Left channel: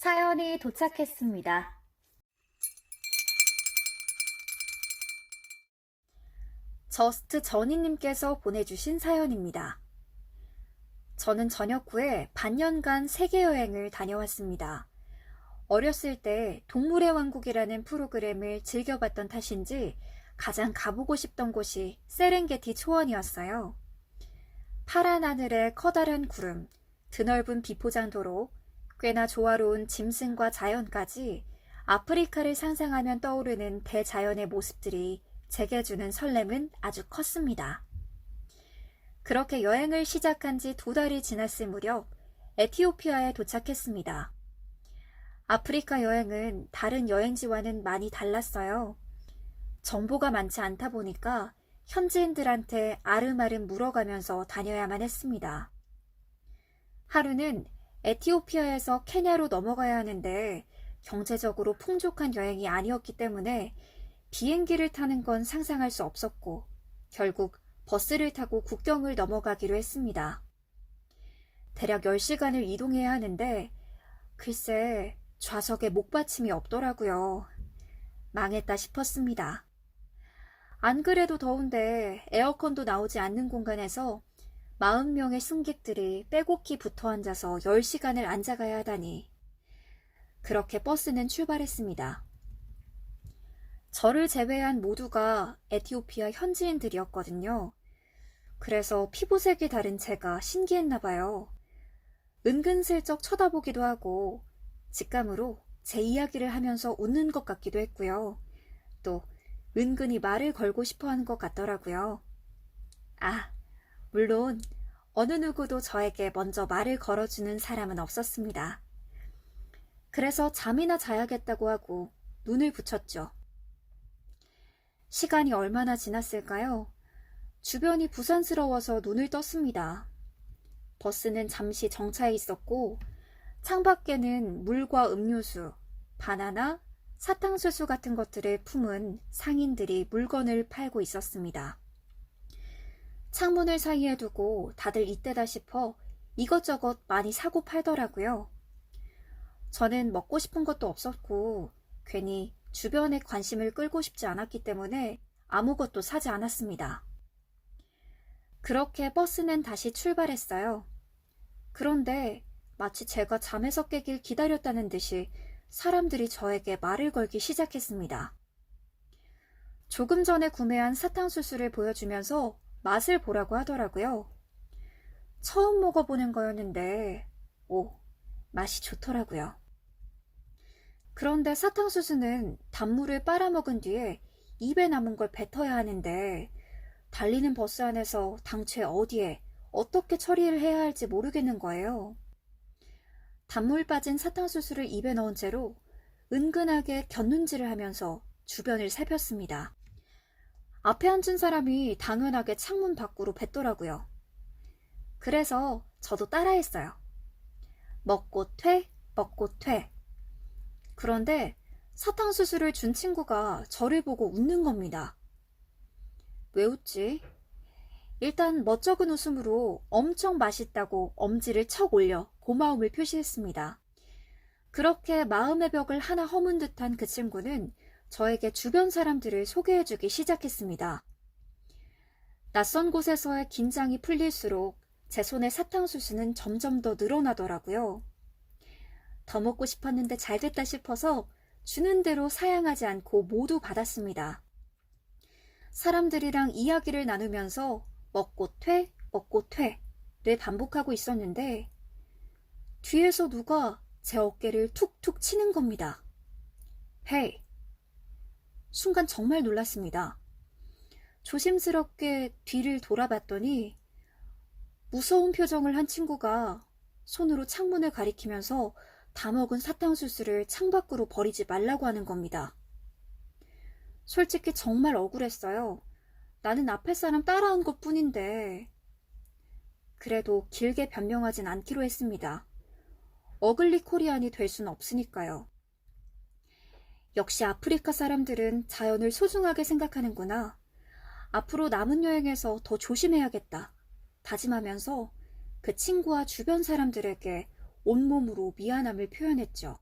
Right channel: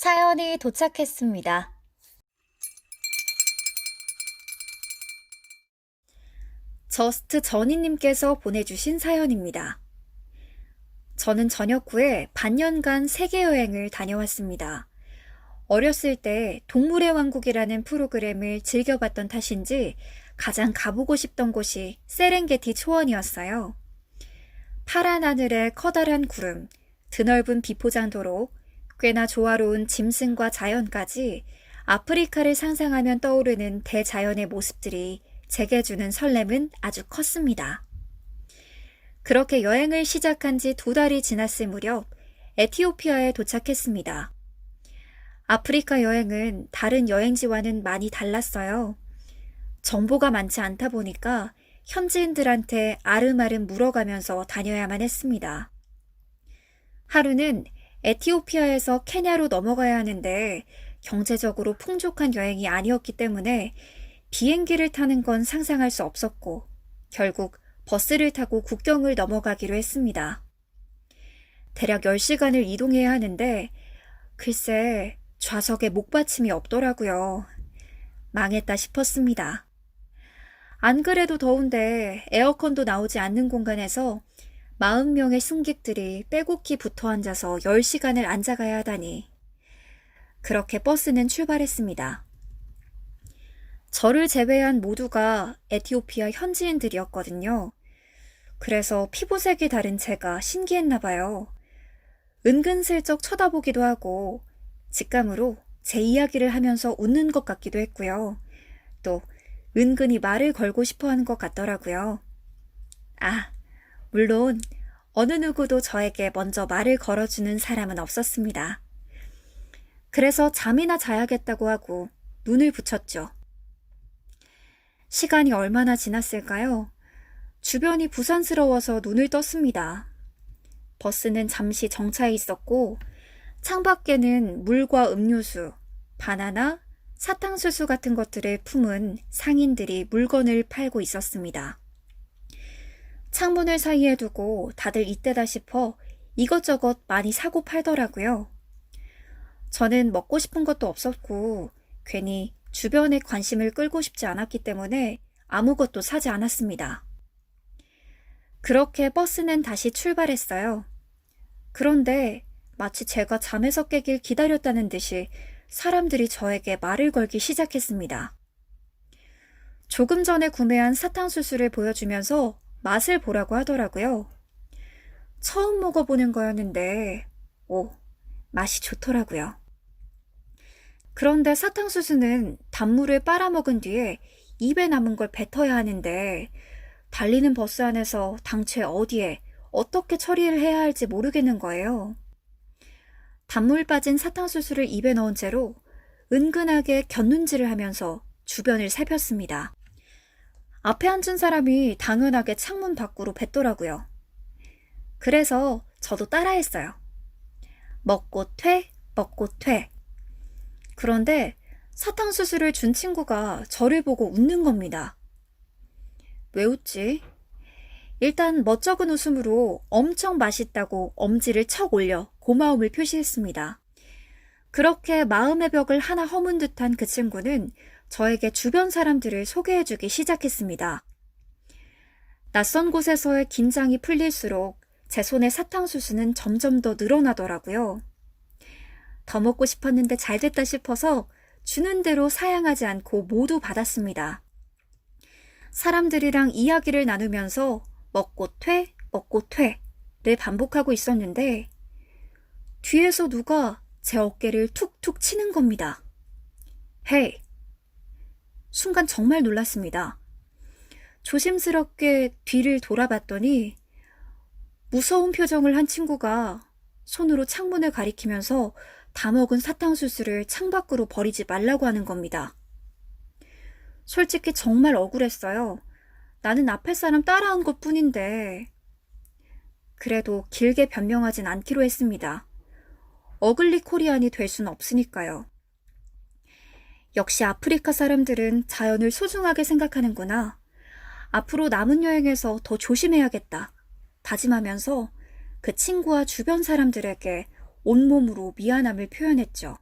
사연이 도착했습니다. 저스트 전희님께서 보내주신 사연입니다. 저는 전역 후에 반년간 세계 여행을 다녀왔습니다. 어렸을 때 동물의 왕국이라는 프로그램을 즐겨봤던 탓인지 가장 가보고 싶던 곳이 세렝게티 초원이었어요. 파란 하늘에 커다란 구름, 드넓은 비포장도로, 꽤나 조화로운 짐승과 자연까지 아프리카를 상상하면 떠오르는 대자연의 모습들이 제게 주는 설렘은 아주 컸습니다. 그렇게 여행을 시작한 지 2달이 지났을 무렵 에티오피아에 도착했습니다. 아프리카 여행은 다른 여행지와는 많이 달랐어요. 정보가 많지 않다 보니까 현지인들한테 아름아름 물어가면서 다녀야만 했습니다. 하루는 에티오피아에서 케냐로 넘어가야 하는데 경제적으로 풍족한 여행이 아니었기 때문에 비행기를 타는 건 상상할 수 없었고 결국 버스를 타고 국경을 넘어가기로 했습니다. 대략 10시간을 이동해야 하는데 글쎄 좌석에 목받침이 없더라고요. 망했다 싶었습니다. 안 그래도 더운데 에어컨도 나오지 않는 공간에서 40명의 승객들이 빼곡히 붙어 앉아서 10시간을 앉아가야 하다니. 그렇게 버스는 출발했습니다. 저를 제외한 모두가 에티오피아 현지인들이었거든요. 그래서 피부색이 다른 제가 신기했나 봐요. 은근슬쩍 쳐다보기도 하고 직감으로 제 이야기를 하면서 웃는 것 같기도 했고요. 또 은근히 말을 걸고 싶어하는 것 같더라고요. 물론 어느 누구도 저에게 먼저 말을 걸어주는 사람은 없었습니다. 그래서 잠이나 자야겠다고 하고 눈을 붙였죠. 시간이 얼마나 지났을까요? 주변이 부산스러워서 눈을 떴습니다. 버스는 잠시 정차해 있었고 창밖에는 물과 음료수, 바나나, 사탕수수 같은 것들을 품은 상인들이 물건을 팔고 있었습니다. 창문을 사이에 두고 다들 이때다 싶어 이것저것 많이 사고 팔더라고요. 저는 먹고 싶은 것도 없었고 괜히 주변의 관심을 끌고 싶지 않았기 때문에 아무것도 사지 않았습니다. 그렇게 버스는 다시 출발했어요. 그런데 마치 제가 잠에서 깨길 기다렸다는 듯이 사람들이 저에게 말을 걸기 시작했습니다. 조금 전에 구매한 사탕수수를 보여주면서 맛을 보라고 하더라고요. 처음 먹어보는 거였는데, 맛이 좋더라고요. 그런데 사탕수수는 단물을 빨아먹은 뒤에 입에 남은 걸 뱉어야 하는데, 달리는 버스 안에서 당최 어디에 어떻게 처리를 해야 할지 모르겠는 거예요. 단물 빠진 사탕수수를 입에 넣은 채로 은근하게 곁눈질을 하면서 주변을 살폈습니다. 앞에 앉은 사람이 당연하게 창문 밖으로 뱉더라고요. 그래서 저도 따라했어요. 먹고 퇴, 먹고 퇴. 그런데 사탕수수를 준 친구가 저를 보고 웃는 겁니다. 왜 웃지? 일단 멋쩍은 웃음으로 엄청 맛있다고 엄지를 척 올려 고마움을 표시했습니다. 그렇게 마음의 벽을 하나 허문 듯한 그 친구는 저에게 주변 사람들을 소개해주기 시작했습니다. 낯선 곳에서의 긴장이 풀릴수록 제 손의 사탕수수는 점점 더 늘어나더라고요. 더 먹고 싶었는데 잘됐다 싶어서 주는 대로 사양하지 않고 모두 받았습니다. 사람들이랑 이야기를 나누면서 먹고 퇴, 먹고 퇴를 반복하고 있었는데 뒤에서 누가 제 어깨를 툭툭 치는 겁니다. 헤이! 순간 정말 놀랐습니다. 조심스럽게 뒤를 돌아봤더니 무서운 표정을 한 친구가 손으로 창문을 가리키면서 다 먹은 사탕수수를 창밖으로 버리지 말라고 하는 겁니다. 솔직히 정말 억울했어요. 나는 앞에 사람 따라온 것 뿐인데. 그래도 길게 변명하진 않기로 했습니다. 어글리 코리안이 될 순 없으니까요. 역시 아프리카 사람들은 자연을 소중하게 생각하는구나. 앞으로 남은 여행에서 더 조심해야겠다. 다짐하면서 그 친구와 주변 사람들에게 온몸으로 미안함을 표현했죠.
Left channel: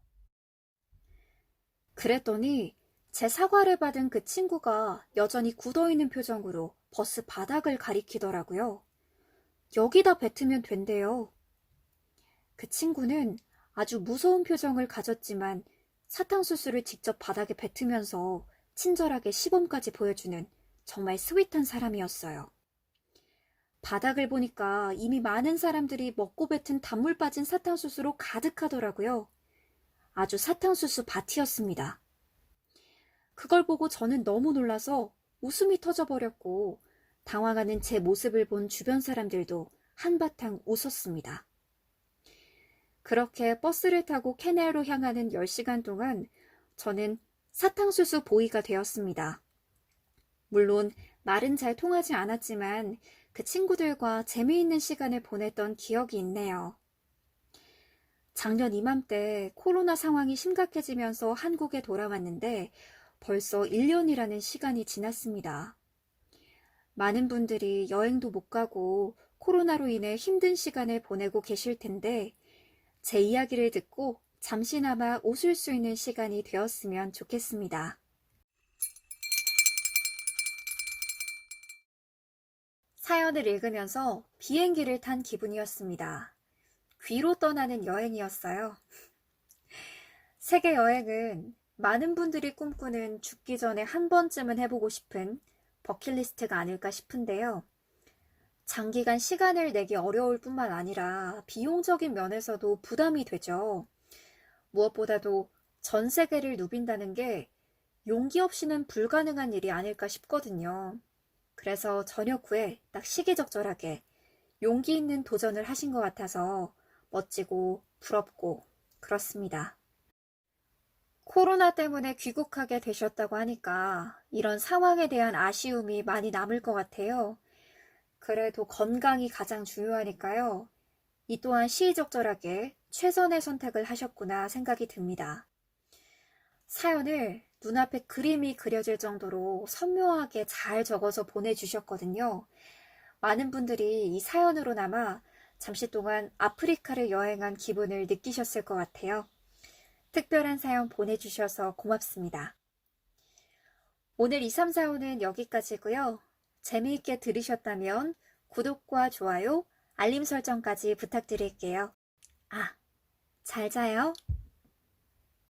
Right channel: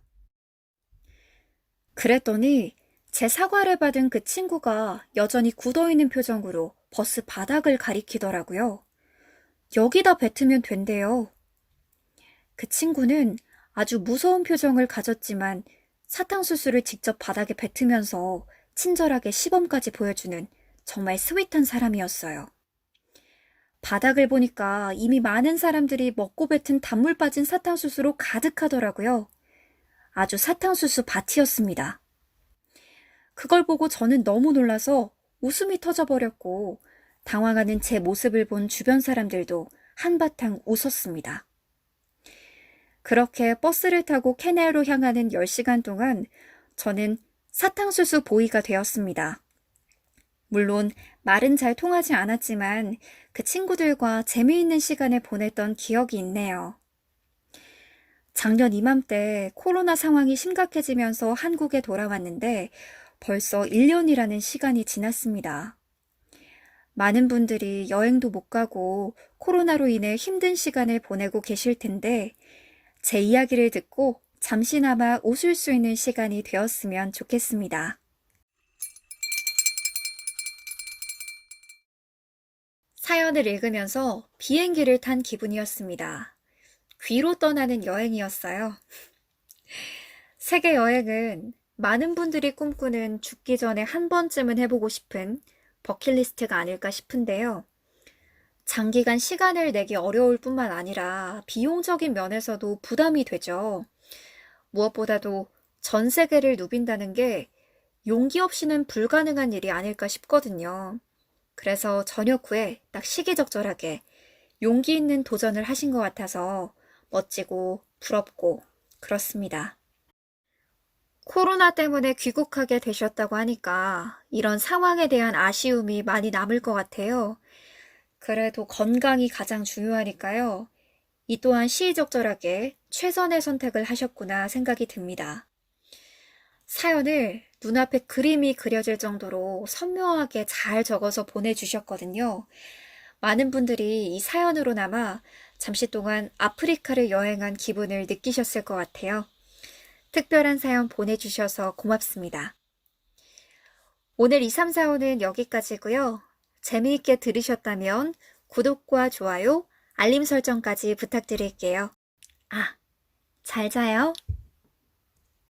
그랬더니 제 사과를 받은 그 친구가 여전히 굳어있는 표정으로 버스 바닥을 가리키더라고요. 여기다 뱉으면 된대요. 그 친구는 아주 무서운 표정을 가졌지만 사탕수수를 직접 바닥에 뱉으면서 친절하게 시범까지 보여주는 정말 스윗한 사람이었어요. 바닥을 보니까 이미 많은 사람들이 먹고 뱉은 단물 빠진 사탕수수로 가득하더라고요. 아주 사탕수수 밭이었습니다. 그걸 보고 저는 너무 놀라서 웃음이 터져버렸고 당황하는 제 모습을 본 주변 사람들도 한바탕 웃었습니다. 그렇게 버스를 타고 케넬로 향하는 10시간 동안 저는 사탕수수 보이가 되었습니다. 물론 말은 잘 통하지 않았지만 그 친구들과 재미있는 시간을 보냈던 기억이 있네요. 작년 이맘때 코로나 상황이 심각해지면서 한국에 돌아왔는데 벌써 1년이라는 시간이 지났습니다. 많은 분들이 여행도 못 가고 코로나로 인해 힘든 시간을 보내고 계실 텐데 제 이야기를 듣고 잠시나마 웃을 수 있는 시간이 되었으면 좋겠습니다. 사연을 읽으면서 비행기를 탄 기분이었습니다. 귀로 떠나는 여행이었어요. 세계 여행은 많은 분들이 꿈꾸는 죽기 전에 한 번쯤은 해보고 싶은 버킷리스트가 아닐까 싶은데요. 장기간 시간을 내기 어려울 뿐만 아니라 비용적인 면에서도 부담이 되죠. 무엇보다도 전 세계를 누빈다는 게 용기 없이는 불가능한 일이 아닐까 싶거든요. 그래서 저녁 후에 딱 시기적절하게 용기 있는 도전을 하신 것 같아서 멋지고 부럽고 그렇습니다. 코로나 때문에 귀국하게 되셨다고 하니까 이런 상황에 대한 아쉬움이 많이 남을 것 같아요. 그래도 건강이 가장 중요하니까요. 이 또한 시의적절하게 최선의 선택을 하셨구나 생각이 듭니다. 사연을 눈앞에 그림이 그려질 정도로 선명하게 잘 적어서 보내주셨거든요. 많은 분들이 이 사연으로나마 잠시 동안 아프리카를 여행한 기분을 느끼셨을 것 같아요. 특별한 사연 보내주셔서 고맙습니다. 오늘 2345는 여기까지고요. 재미있게 들으셨다면 구독과 좋아요, 알림 설정까지 부탁드릴게요. 아, 잘 자요.